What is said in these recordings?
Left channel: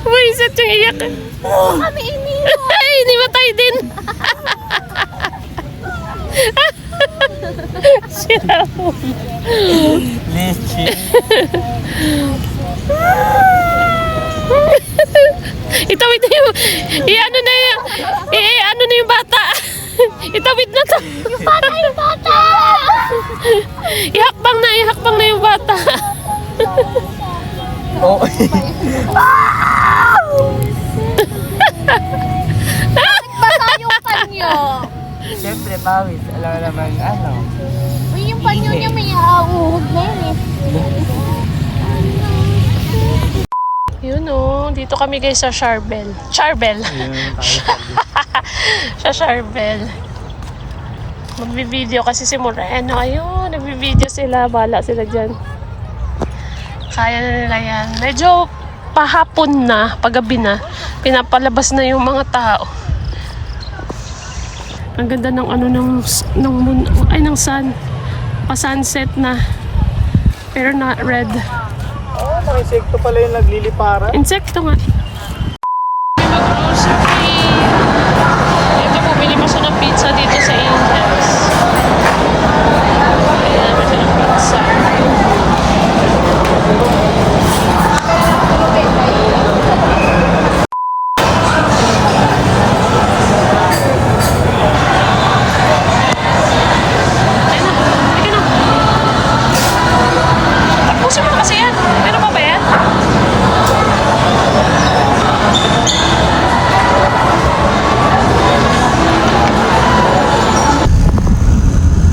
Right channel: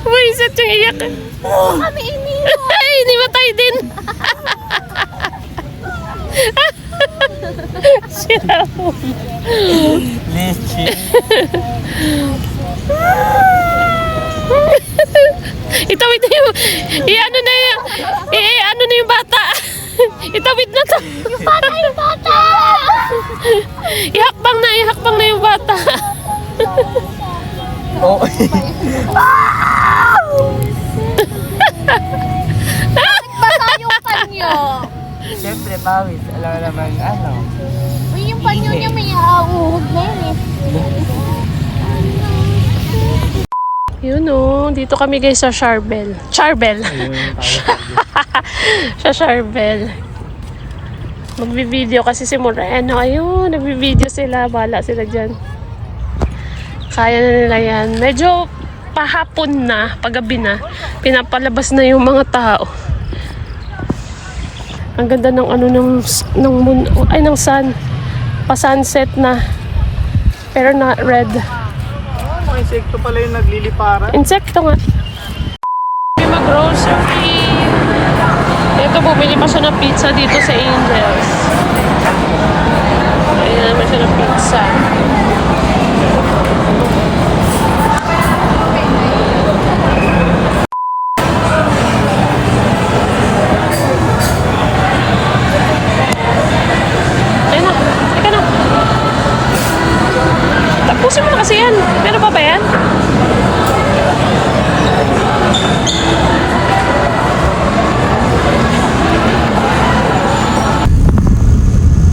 Buisit yung iyak. Kami iniwan. Ay, inimatay din. Sira mo. Leche. Itawid na yung... I-ano na yung... I-ano na yung bata. Itawid na to. Yung bata! Ihakbang na yung bata. Oo. Bata yung panyo. Siyempre, pawis. Alam naman, ano. Uy, yung panyo niya may auhog na yun eh. Yun o. Dito kami guys sa Charbel. Charbel. Sa Charbel. Magbi-video kasi si Moreno. Ayun, nagbi-video sila. Bahala sila dyan. Kaya na nila yan. Medyo pahapon na, paggabi na. Pinapalabas na yung mga tao. Ang ganda ng ano ng moon, ay ng sun. Pa-sunset na. Pero not red. Mga insekto pala yung nagliliparan. Insekto nga. Mag-grocery. Ito, bumili pa siya ng pizza dito sa Angels. Ayan naman siya ng pizza. Ayan na. Teka na. Tapusin mo na kasi yan. Meron pa ba yan?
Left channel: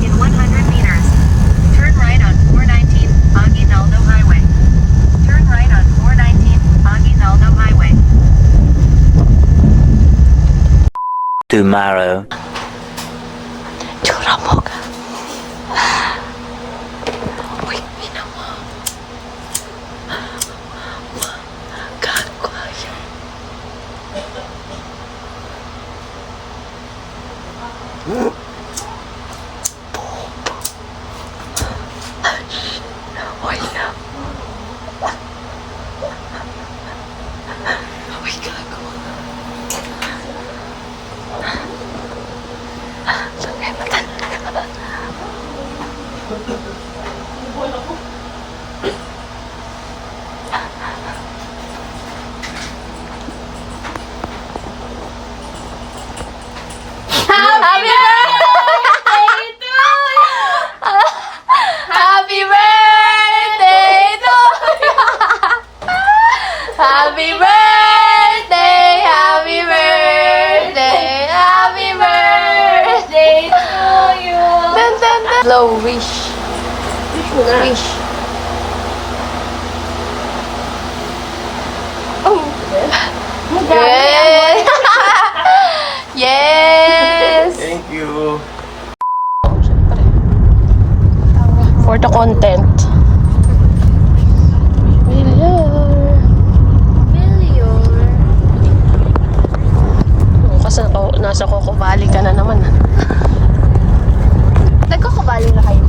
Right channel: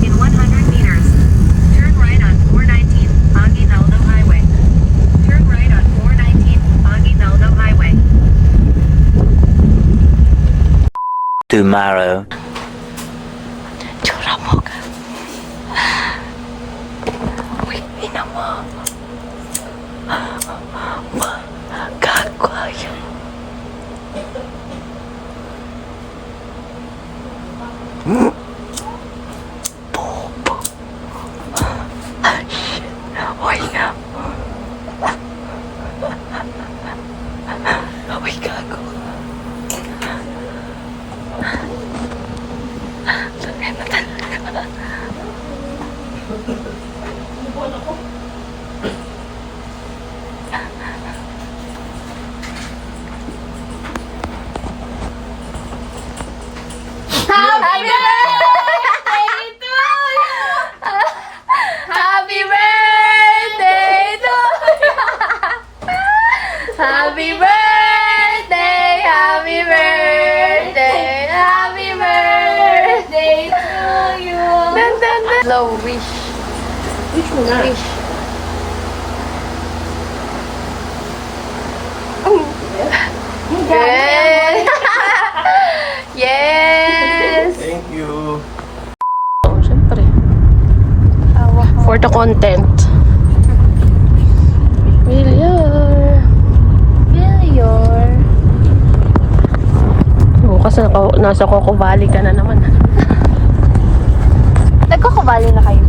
In 100 meters, turn right on 419 Aguinaldo Highway. Turn right on 419 Aguinaldo Highway. Tomorrow. Tsura mo ka. Uy, ina mo. Gagawin. Uy, na. Uy, gago. Happy birthday to you. Happy birthday, happy birthday, happy birthday to you. Dun, dun, dun. Blow wish. Wish mo na. Wish. Oh. Good. Yes. Thank you. Oh, syempre. For the content. Bukas nasa Coco Valley ka na naman. Nagkakabali na kayo.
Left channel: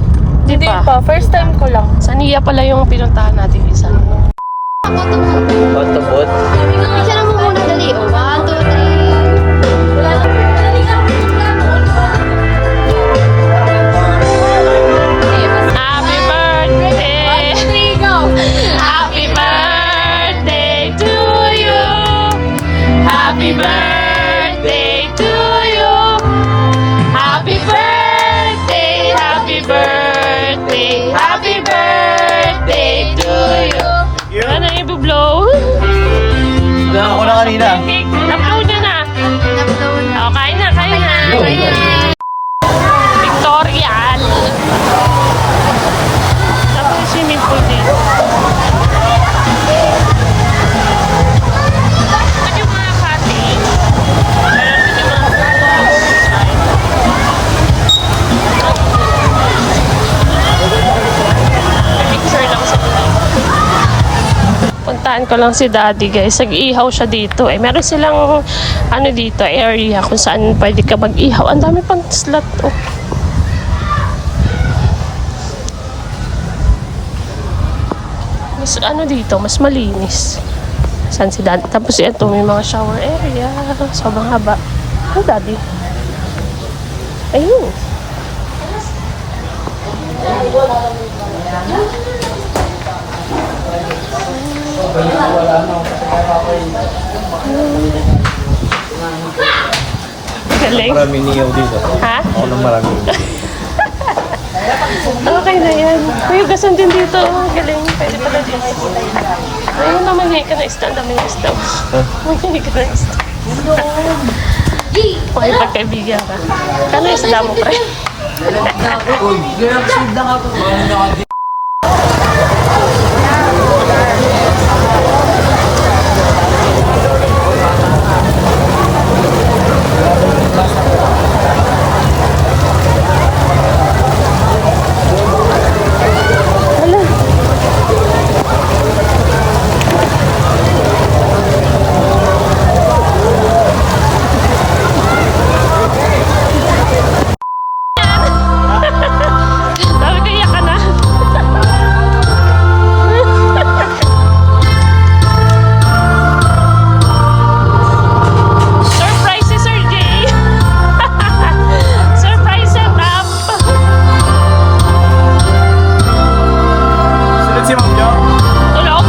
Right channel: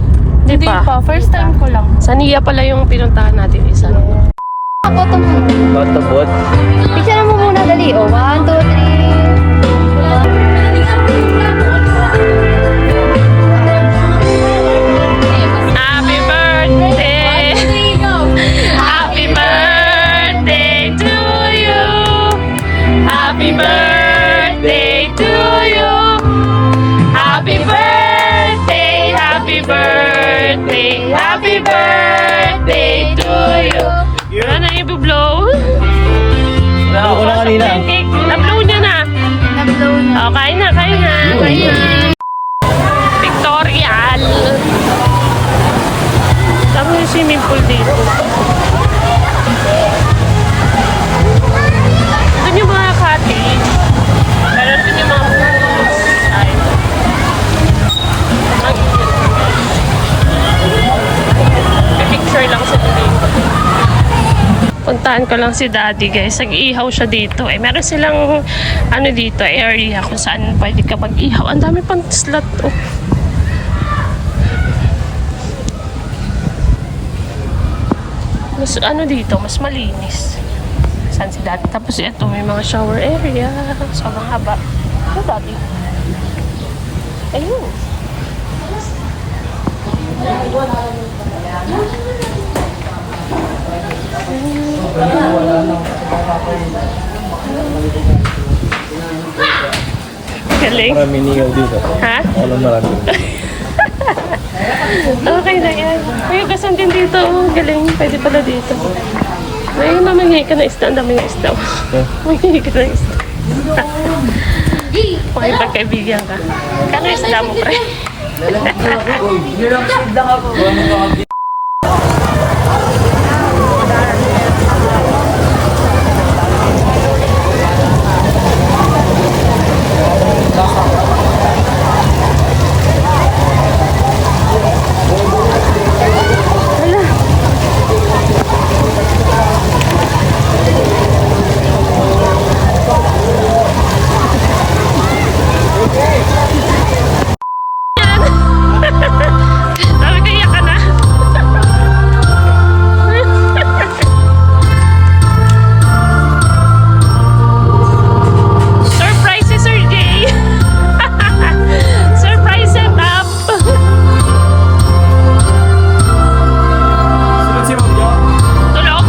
Di pa. First time ko lang. Sa Nia pala yung pinuntahan natin isa. Ako to mo. Matabot. Picture mo muna dali. 1, 2, 3. Wala na. Happy birthday! 1, 2, 3, go! Happy birthday to you! Happy birthday to you! Happy birthday! Happy birthday! Happy birthday to you! Wala na i-blow? Naman ko na kanina. Cake! Na-blow niya na! Oh, kain na, kain na, kain na! Victorial! Sabi yung swimming pool dito. Doon yung mga cutting. Pero doon yung mga picture lang sa dito. Puntahan ko lang si Daddy guys. Nag-ihaw siya dito. Eh, meron silang ano dito, area kung saan pwede ka mag-ihaw. Ang dami pang slot. Oh. mas ano dito, mas malinis. San si Daddy? Tapos ito, may mga shower area. Sobrang haba. Oh, Daddy. Ayun. Galing. Maraming niyaw dito. Ha? Ako lang maraming. Okay na yan. May gasan din dito. Galing. Pwede pala dito. May mamanghay ka na isda. Ang dami yung isda. Mamanghay ka na isda. May pagkaibigan ka. Kano yung isda mo, pre? Sabi ko, iyak ka na. Surprise si Sir Jay. Surprise setup. Sunod si Ma'am Jo. Tulog.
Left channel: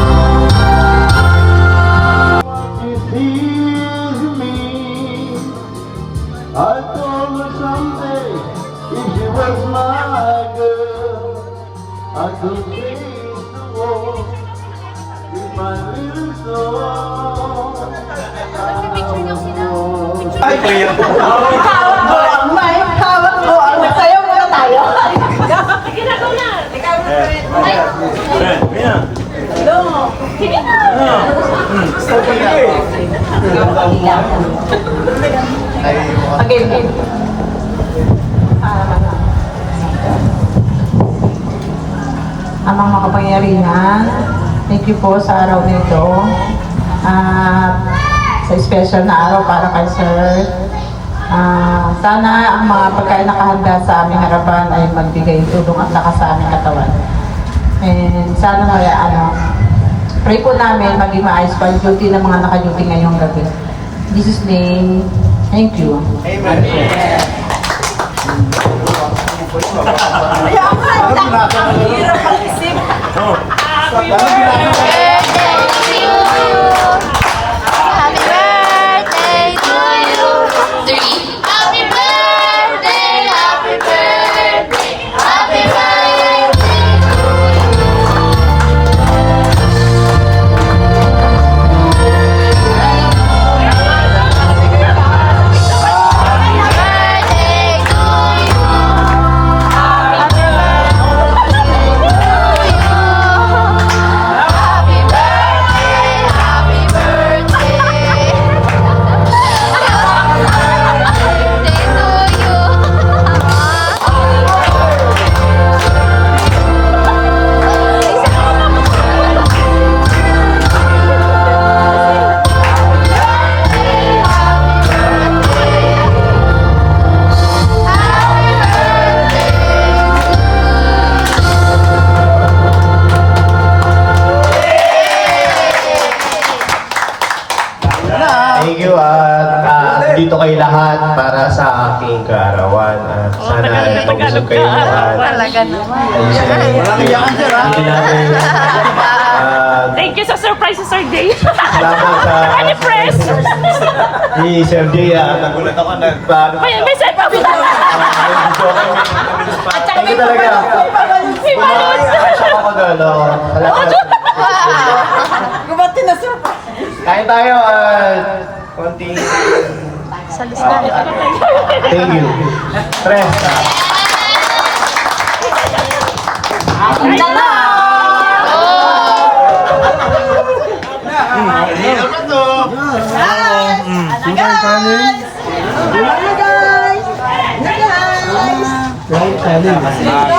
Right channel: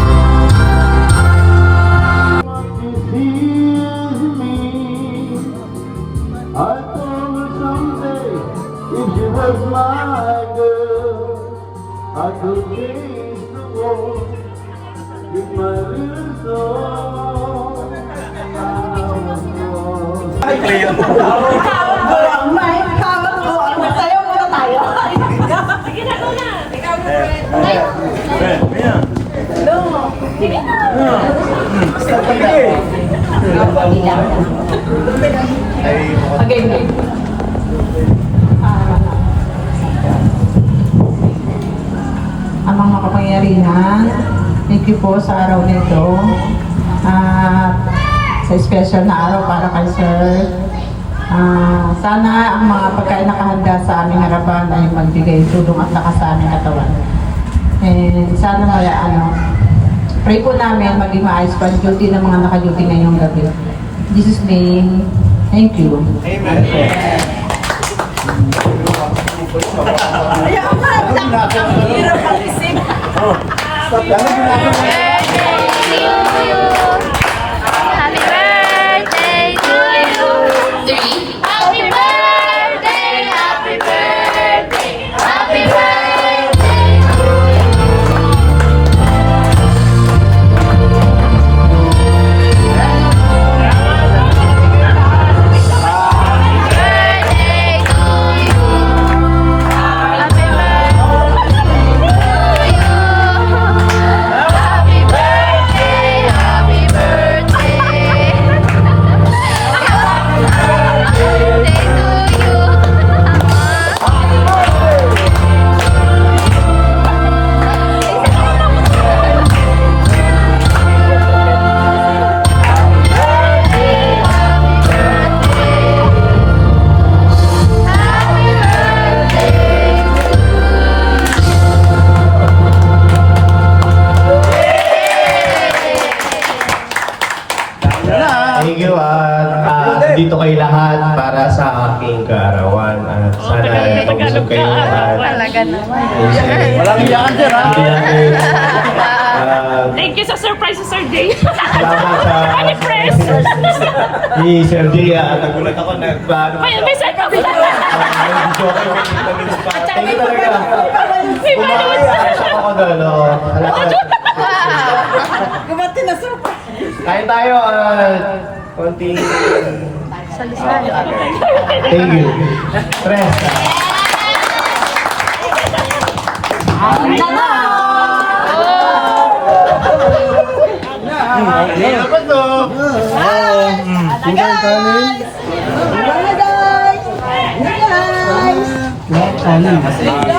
Ay, kuya. Amang makapangyarihan, thank you po sa araw nito. Sa special na araw para kay Sir. Sana ang mga pagkain nakahanda sa aming harapan ay magbigay tulong at lakas sa aming katawan. And sana pray po namin maging maayos pa ang duty ng mga naka-duty ngayong gabi. In Jesus' name, thank you. Amen. Happy birthday to you. Happy birthday, happy birthday, happy birthday to Thank you at dito kayo lahat para sa aking kaarawan. At sana pag-usap kayo at Talaga naman. hindi namin Thank you sa surprise si Sir Jay. salamat sa si Sir Jay. Nagulat ako nagpaano ka siya. May setup pa. Thank you talaga. Siya ako magalo. Kain tayo at konting Sa listayo. thank you. Press. Kanin.